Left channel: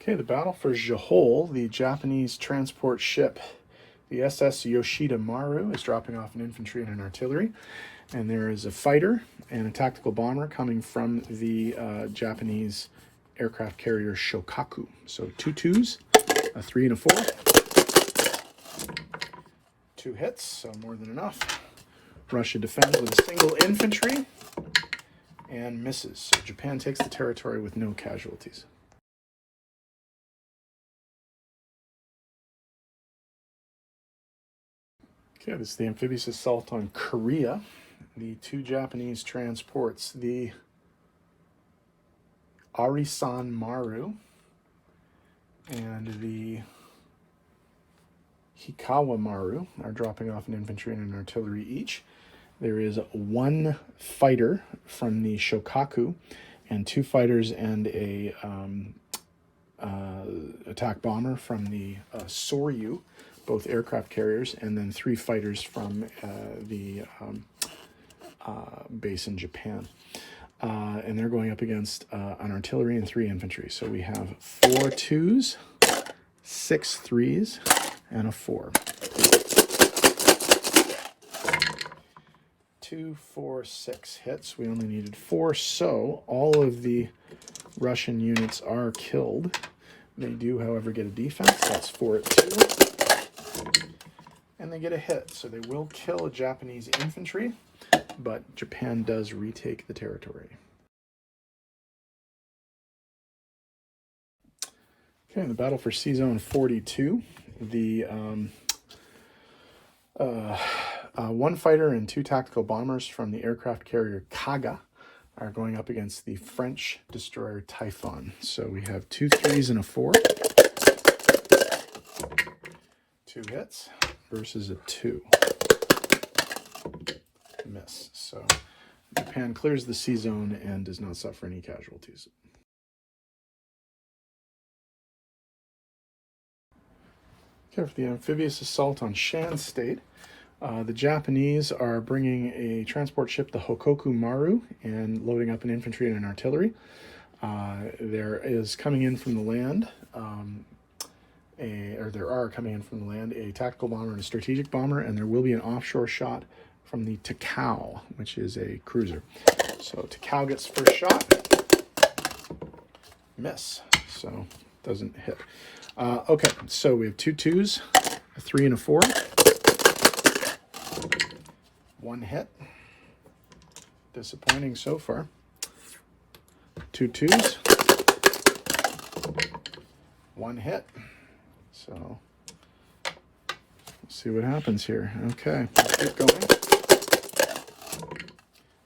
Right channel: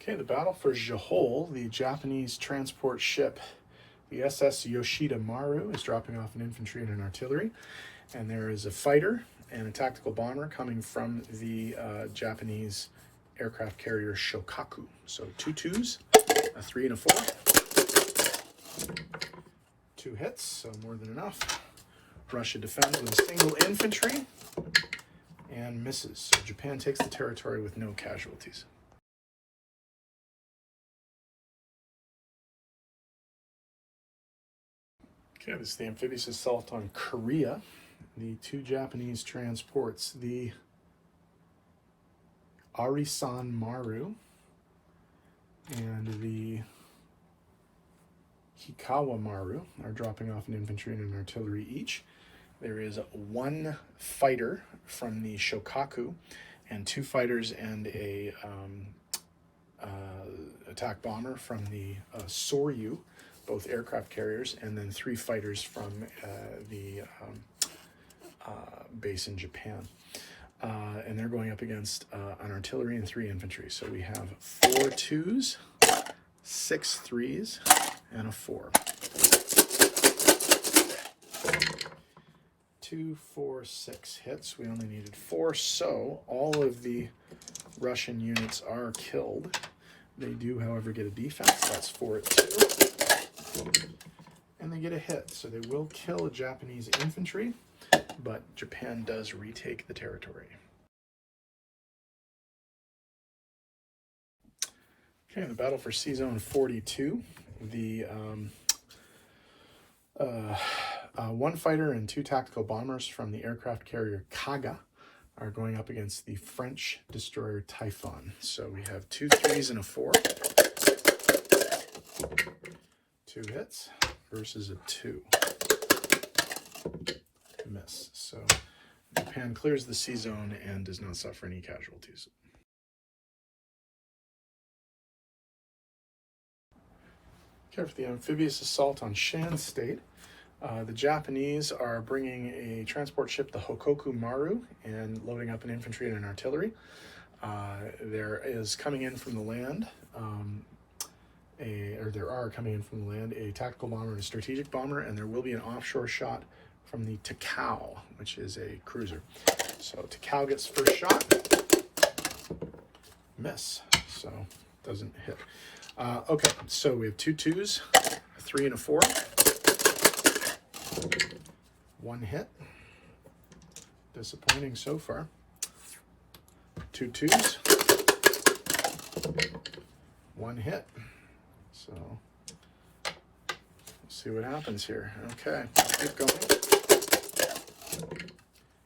Okay, the battle for Johol, the Japanese transport ship, the SS Yoshida Maru, is dropping off an infantry and an artillery. And there is a fighter and a tactical bomber coming from the Japanese aircraft carrier Shokaku. So 2 2s, a 3 and a 4. 2 hits, so more than enough. Russia defends with a single infantry and misses. So Japan takes the territory with no casualties. Okay, this is the amphibious assault on Korea. The 2 Japanese transports, the Arisan Maru and the Hikawa Maru, are dropping off an infantry and an artillery each. There is 1 fighter from the Shokaku and 2 fighters and a attack bomber from the Soryu, both aircraft carriers, and then 3 fighters from the base in Japan. And they're going up against an artillery and 3 infantry. So we have 4 2s, 6 3s, and a 4. 2, 4, 6 hits. We only needed 4, so all of the Russian units are killed. They do, however, get a defense. That's 4 at 2. And they get a hit, so they will kill a Japanese infantry, but Japan does retake the territory. Okay, in the battle for Sea Zone 42, the 1 fighter and 2 tactical bombers from the aircraft carrier Kaga are going up against the French destroyer Typhon. So we have 2 3s and a 4. 2 hits versus a 2. Miss. So Japan clears the sea zone and does not suffer any casualties. Okay, for the amphibious assault on Shan State, the Japanese are bringing a transport ship, the Hokoku Maru, and loading up an infantry and an artillery. There is coming in from the land, there are coming in from the land a tactical bomber and a strategic bomber, and there will be an offshore shot from the Takao, which is a cruiser. So Takao gets first shot, miss, so doesn't hit. Okay, so we have 2 2s, a 3 and a 4. 1 hit. Disappointing so far. 2 2s. 1 hit. So let's see what happens here. Okay, let's keep going.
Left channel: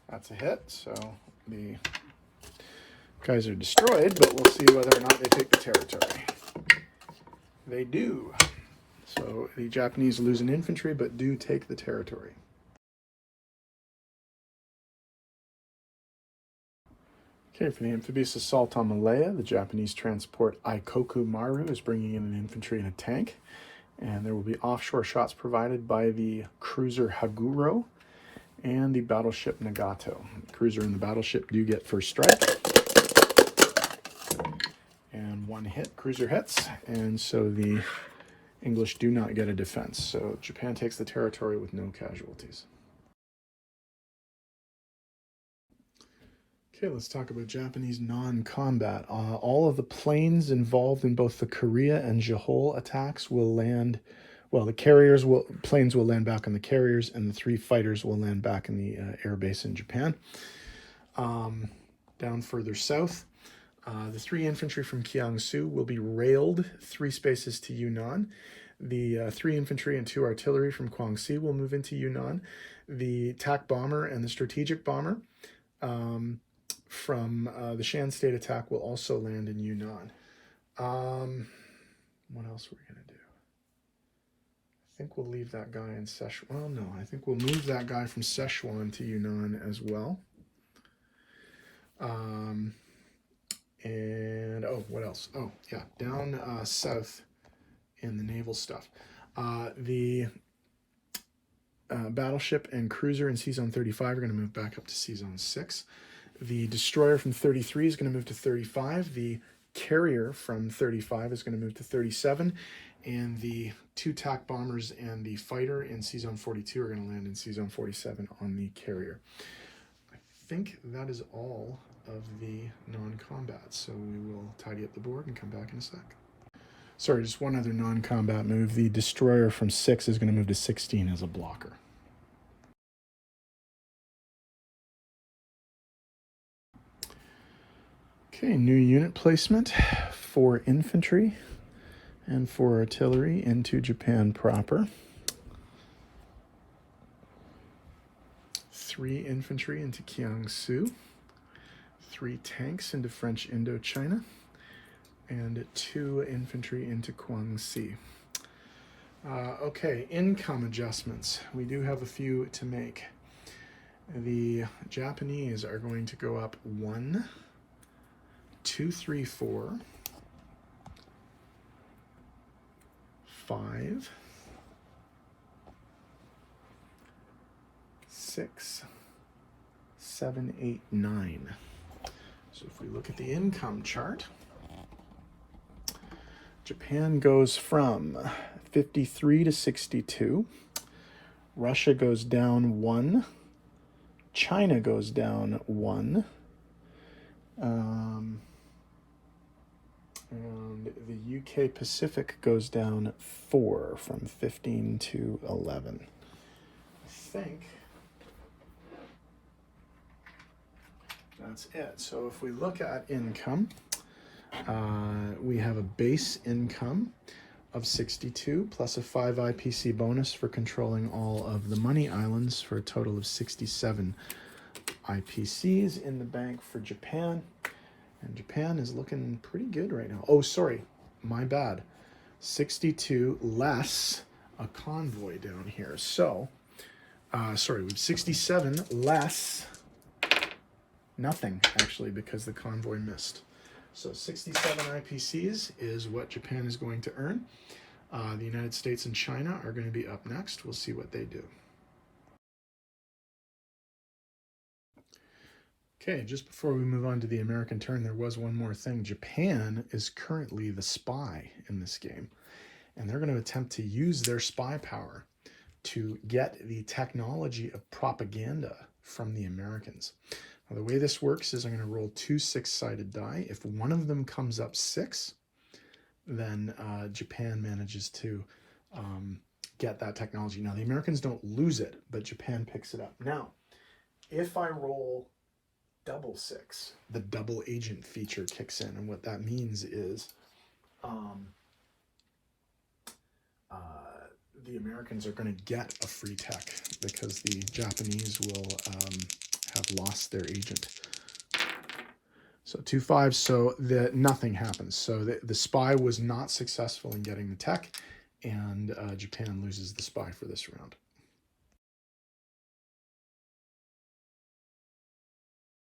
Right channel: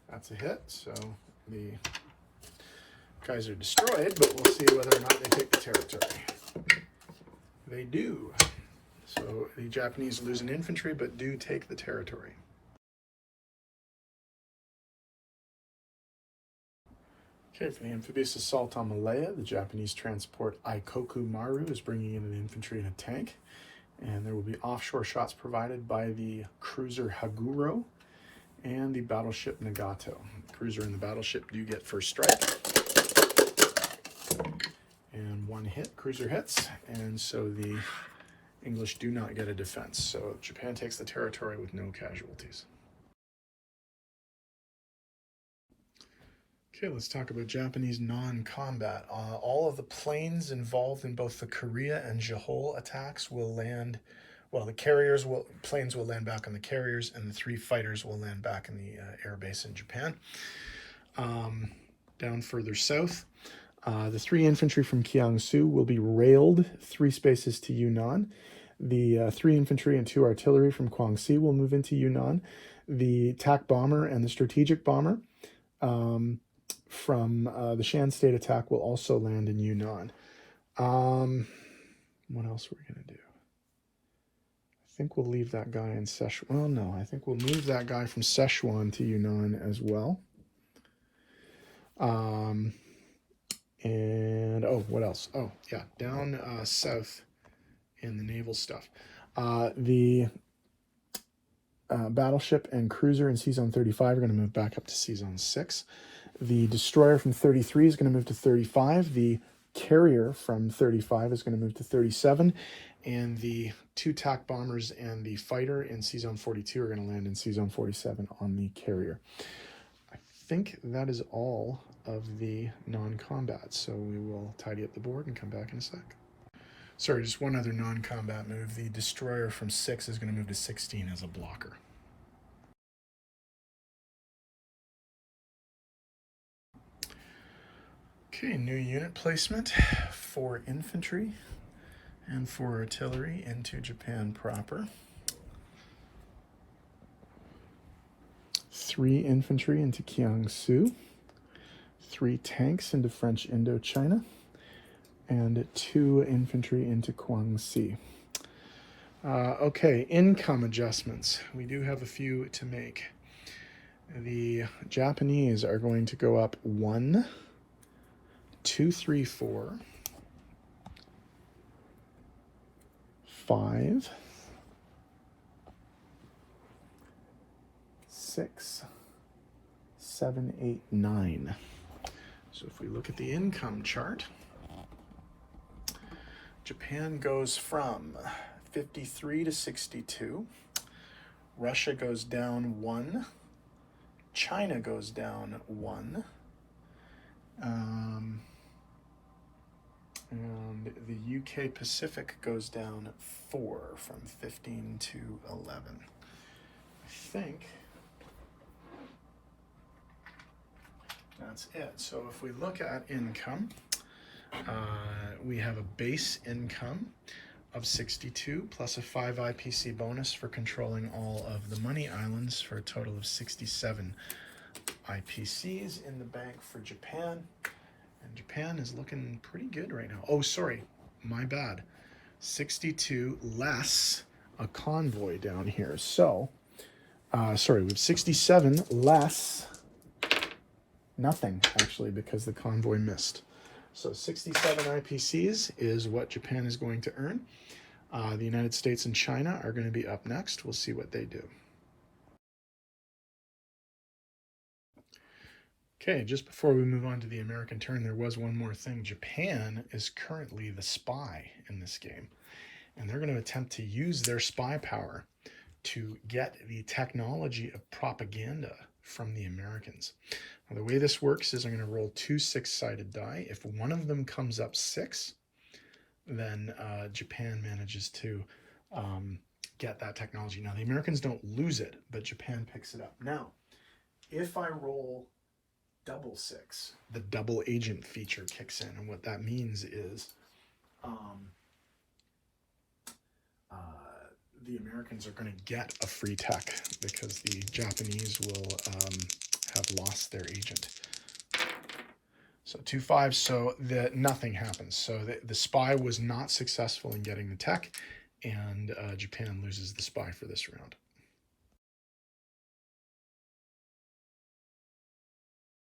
That's a hit, so the guys are destroyed, but we'll see whether or not they take the territory. They do. So the Japanese lose an infantry, but do take the territory. Okay, for the amphibious assault on Malaya, the Japanese transport Ikoku Maru is bringing in an infantry and a tank. And there will be offshore shots provided by the cruiser Haguro and the battleship Nagato. The cruiser and the battleship do get first strike. And 1 hit, cruiser hits, and so the English do not get a defense. So Japan takes the territory with no casualties. Okay, let's talk about Japanese non-combat. All of the planes involved in both the Korea and Johol attacks will land, well, the planes will land back on the carriers, and the 3 fighters will land back in the air base in Japan. Down further south, the 3 infantry from Kiangsu will be railed 3 spaces to Yunnan. The 3 infantry and 2 artillery from Guangxi will move into Yunnan. The attack bomber and the strategic bomber from the Shan State attack will also land in Yunnan. What else we're going to do? I think we'll leave that guy in Szechuan. Well, no, I think we'll move that guy from Szechuan to Yunnan as well. And, oh, what else? Oh, yeah, down south in the naval stuff. The battleship and cruiser in Sea Zone 35 are going to move back up to Sea Zone 6. The destroyer from 33 is going to move to 35. The carrier from 35 is going to move to 37, and the 2 TAC bombers and the fighter in C-Zone 42 are going to land in C-Zone 47 on the carrier. I think that is all of the non-combat, so we will tidy up the board and come back in a sec. Sorry, just one other non-combat move. The destroyer from 6 is going to move to 16 as a blocker. Okay, new unit placement for infantry and for artillery into Japan proper. 3 infantry into Kiangsu, 3 tanks into French Indochina, and 2 infantry into Guangxi. Okay, income adjustments. We do have a few to make. The Japanese are going to go up 1, 2, 3, 4, 5, 6, 7, 8, 9. So if we look at the income chart, Japan goes from 53 to 62. Russia goes down 1. China goes down 1. And the UK Pacific goes down 4 from 15 to 11. I think that's it. So if we look at income, we have a base income of 62 plus a 5 IPC bonus for controlling all of the money islands for a total of 67 IPCs in the bank for Japan. And Japan is looking pretty good right now. Oh, sorry, my bad. 62 less a convoy down here. So, sorry, we have 67 less nothing, actually, because the convoy missed. So 67 IPCs is what Japan is going to earn. The United States and China are going to be up next. We'll see what they do. Okay, just before we move on to the American turn, there was one more thing. Japan is currently the spy in this game, and they're going to attempt to use their spy power to get the technology of propaganda from the Americans. Now, the way this works is I'm going to roll 2 6-sided die. If one of them comes up 6, then Japan manages to get that technology. Now, the Americans don't lose it, but Japan picks it up. Now, if I roll double 6, the double agent feature kicks in, and what that means is the Americans are going to get a free tech because the Japanese will have lost their agent. So 2 5s, so nothing happens. So the spy was not successful in getting the tech, and Japan loses the spy for this round.